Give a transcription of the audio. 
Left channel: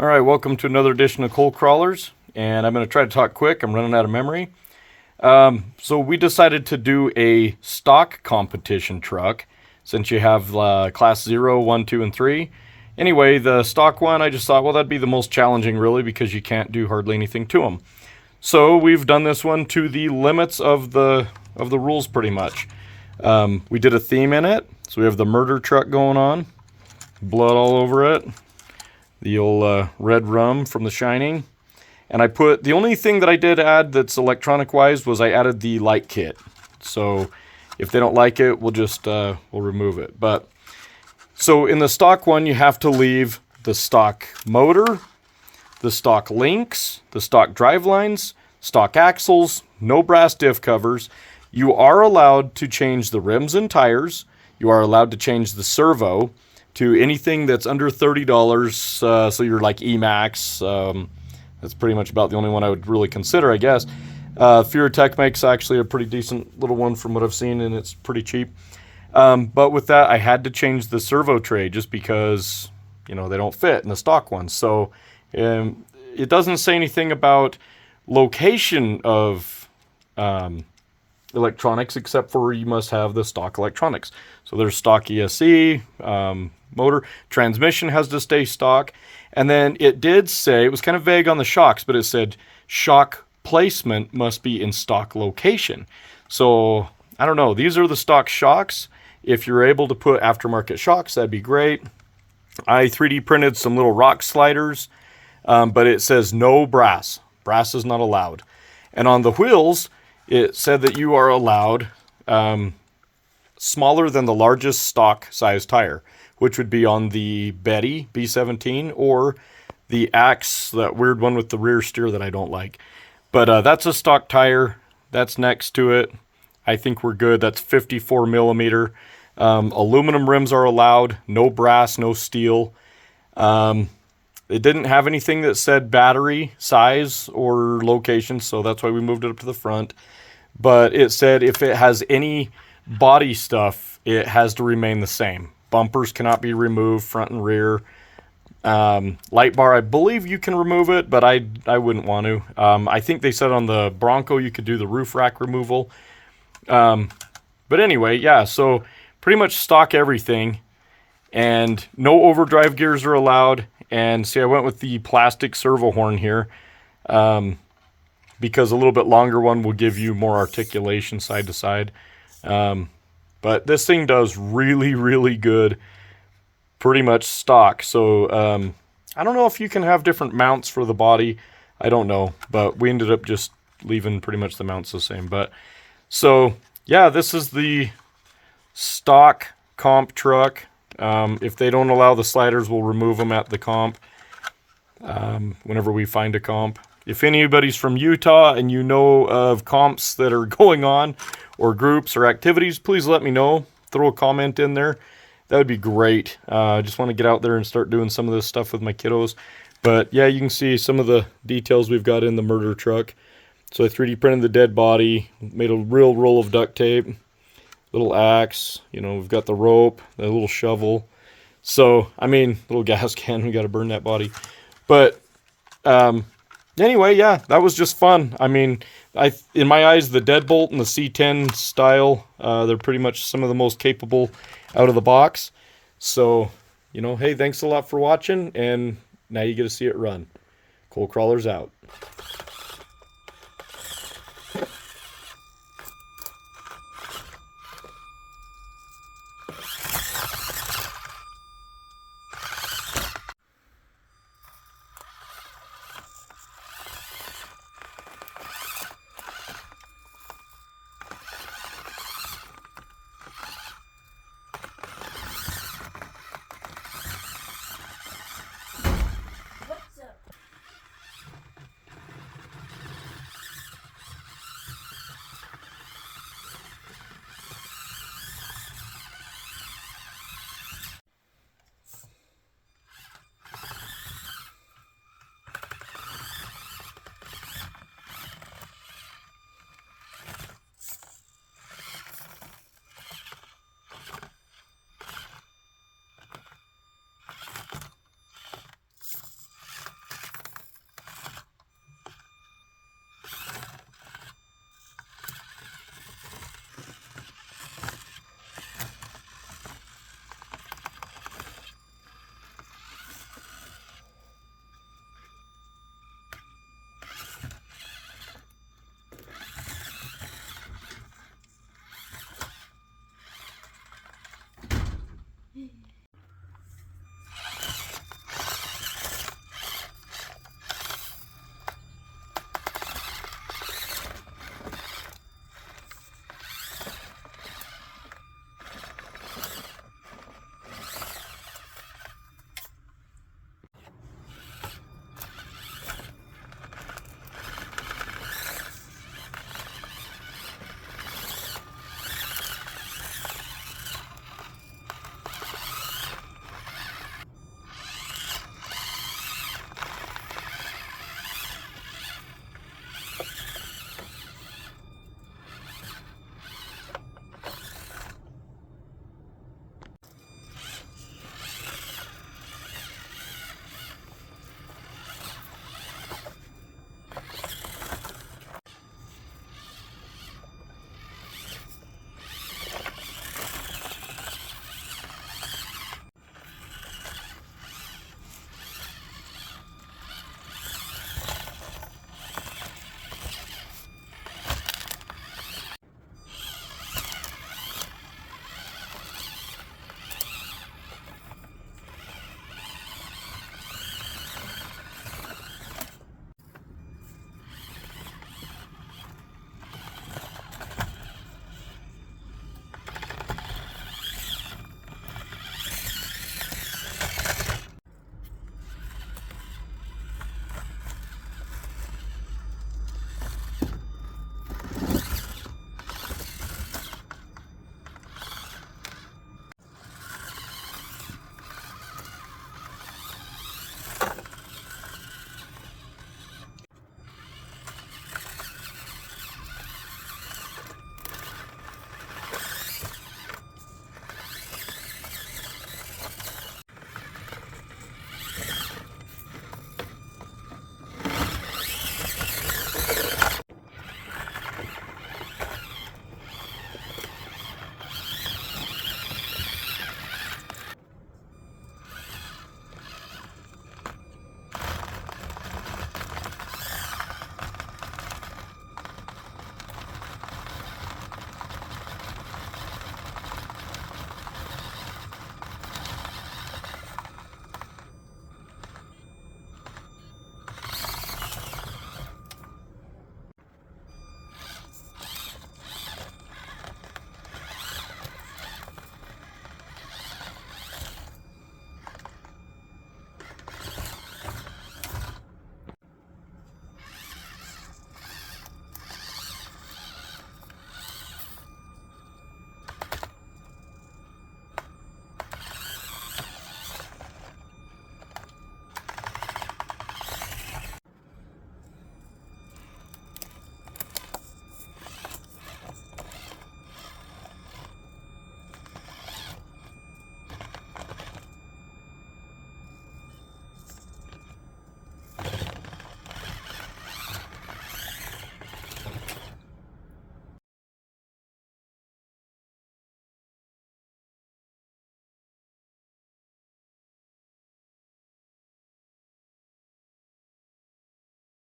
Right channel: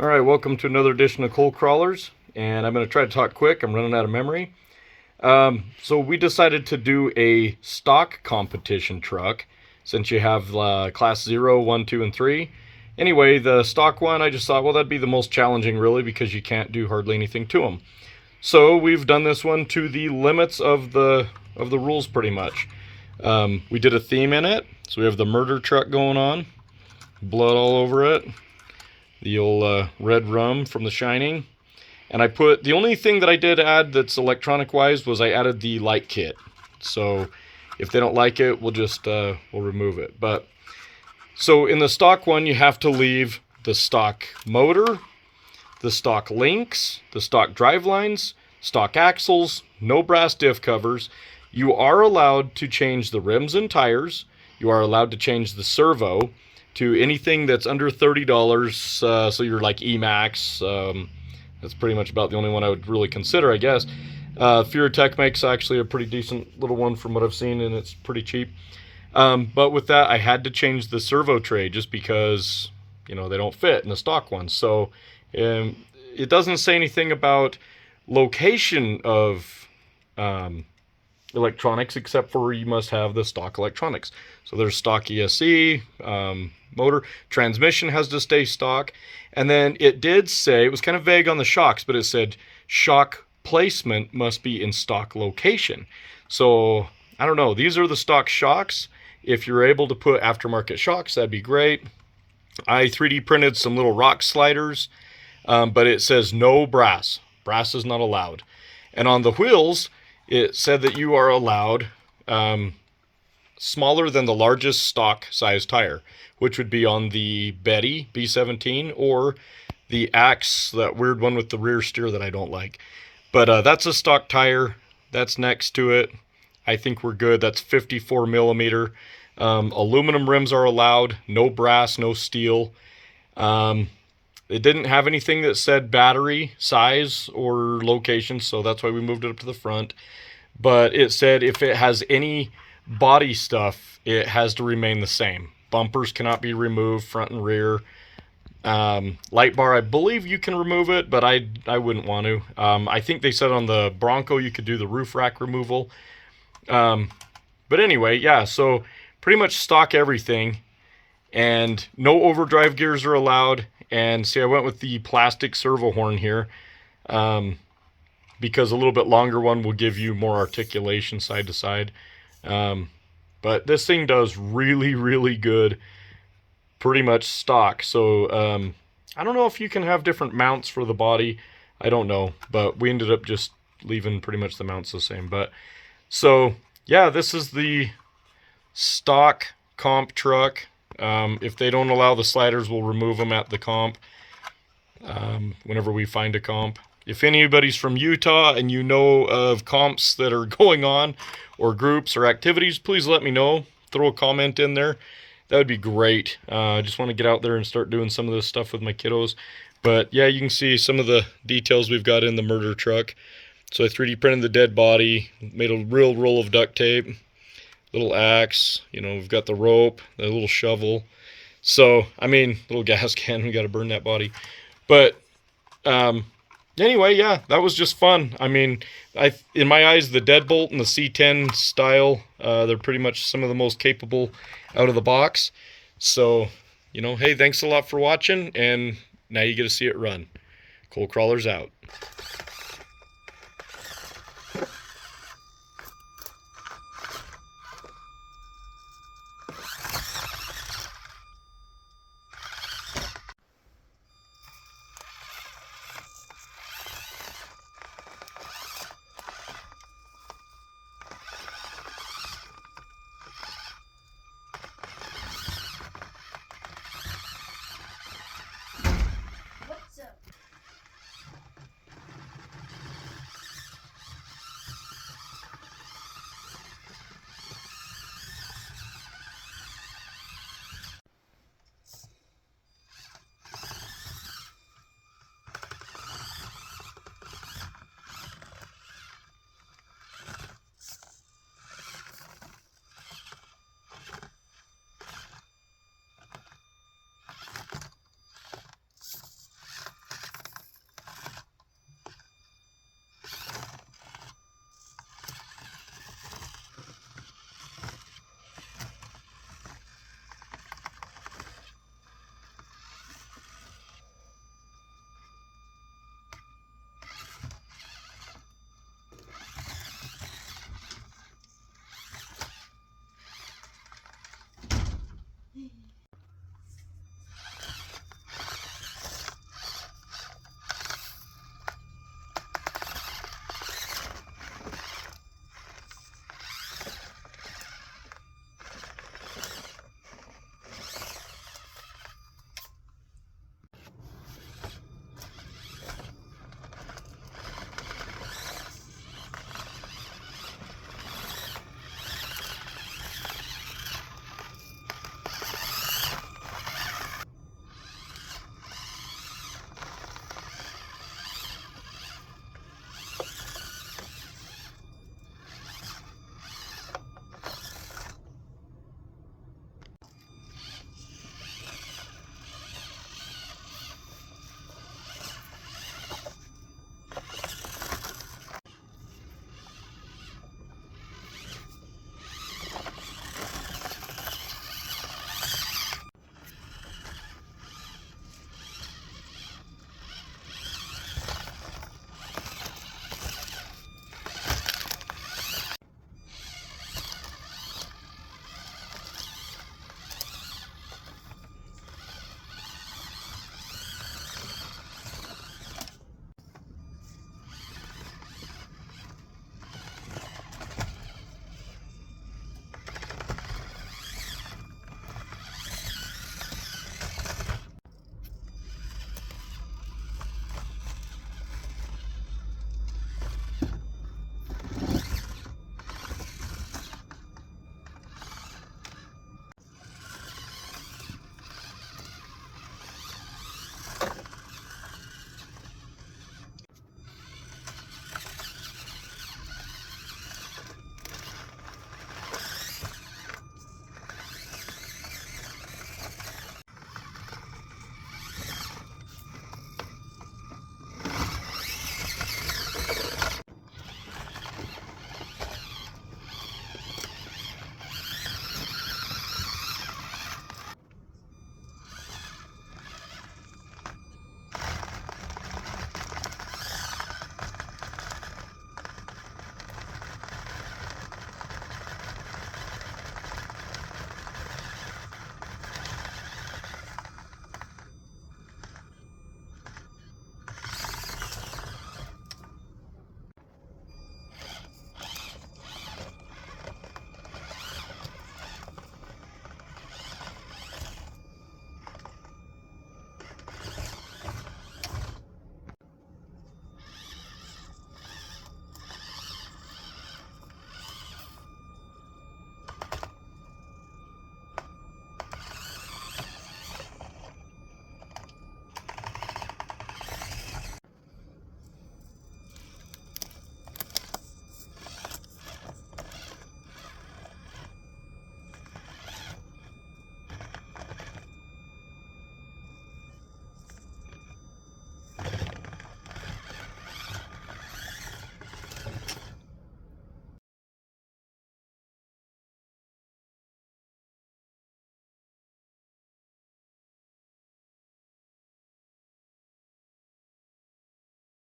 All right, welcome to another edition of Coal Crawlers, and I'm going to try to talk quick. I'm running out of memory. So we decided to do a stock competition truck since you have class 0, 1, 2, and 3. Anyway, the stock one, I just thought, well, that'd be the most challenging really because you can't do hardly anything to them. So we've done this one to the limits of the rules pretty much. We did a theme in it, so we have the murder truck going on, blood all over it. The old red rum from The Shining. And I put, the only thing that I did add that's electronic wise was I added the light kit. So if they don't like it, we'll just, we'll remove it. But, so in the stock one, you have to leave the stock motor, the stock links, the stock drive lines, stock axles, no brass diff covers. You are allowed to change the rims and tires. You are allowed to change the servo to anything that's under $30, so you're like E-Max. That's pretty much about the only one I would really consider, I guess. Tech makes actually a pretty decent little one from what I've seen, and it's pretty cheap. But with that, I had to change the servo tray just because, you know, they don't fit in the stock ones. So it doesn't say anything about location of electronics except for you must have the stock electronics. So there's stock ESC, motor, transmission has to stay stock. And then it did say, it was kind of vague on the shocks, but it said shock placement must be in stock location. So I don't know, these are the stock shocks. If you're able to put aftermarket shocks, that'd be great. I 3D printed some little rock sliders, but it says no brass. Brass is not allowed. And on the wheels, it said that you are allowed smaller than the largest stock size tire, which would be on the Betty B17 or the Axe, that weird one with the rear steer that I don't like. But that's a stock tire. That's next to it. I think we're good. That's 54 millimeter. Aluminum rims are allowed. No brass, no steel. It didn't have anything that said battery size or location, so that's why we moved it up to the front. But it said if it has any body stuff, it has to remain the same. Bumpers cannot be removed, front and rear. Light bar, I believe you can remove it, but I wouldn't want to. I think they said on the Bronco you could do the roof rack removal. But anyway, yeah, so pretty much stock everything. And no overdrive gears are allowed. And see, I went with the plastic servo horn here. Because a little bit longer one will give you more articulation side to side. But this thing does really, really good, pretty much stock. So I don't know if you can have different mounts for the body. I don't know, but we ended up just leaving pretty much the mounts the same. But so yeah, this is the stock comp truck. If they don't allow the sliders, we'll remove them at the comp whenever we find a comp. If anybody's from Utah and you know of comps that are going on or groups or activities, please let me know. Throw a comment in there. That would be great. I just want to get out there and start doing some of this stuff with my kiddos. But yeah, you can see some of the details we've got in the murder truck. So I 3D printed the dead body, made a real roll of duct tape, little axe, you know, we've got the rope, the little shovel. So, I mean, little gas can, we got to burn that body. But, anyway, yeah, that was just fun. I mean, in my eyes, the Deadbolt and the C10 style, they're pretty much some of the most capable out of the box. So, you know, hey, thanks a lot for watching, and now you get to see it run. Coal Crawlers out.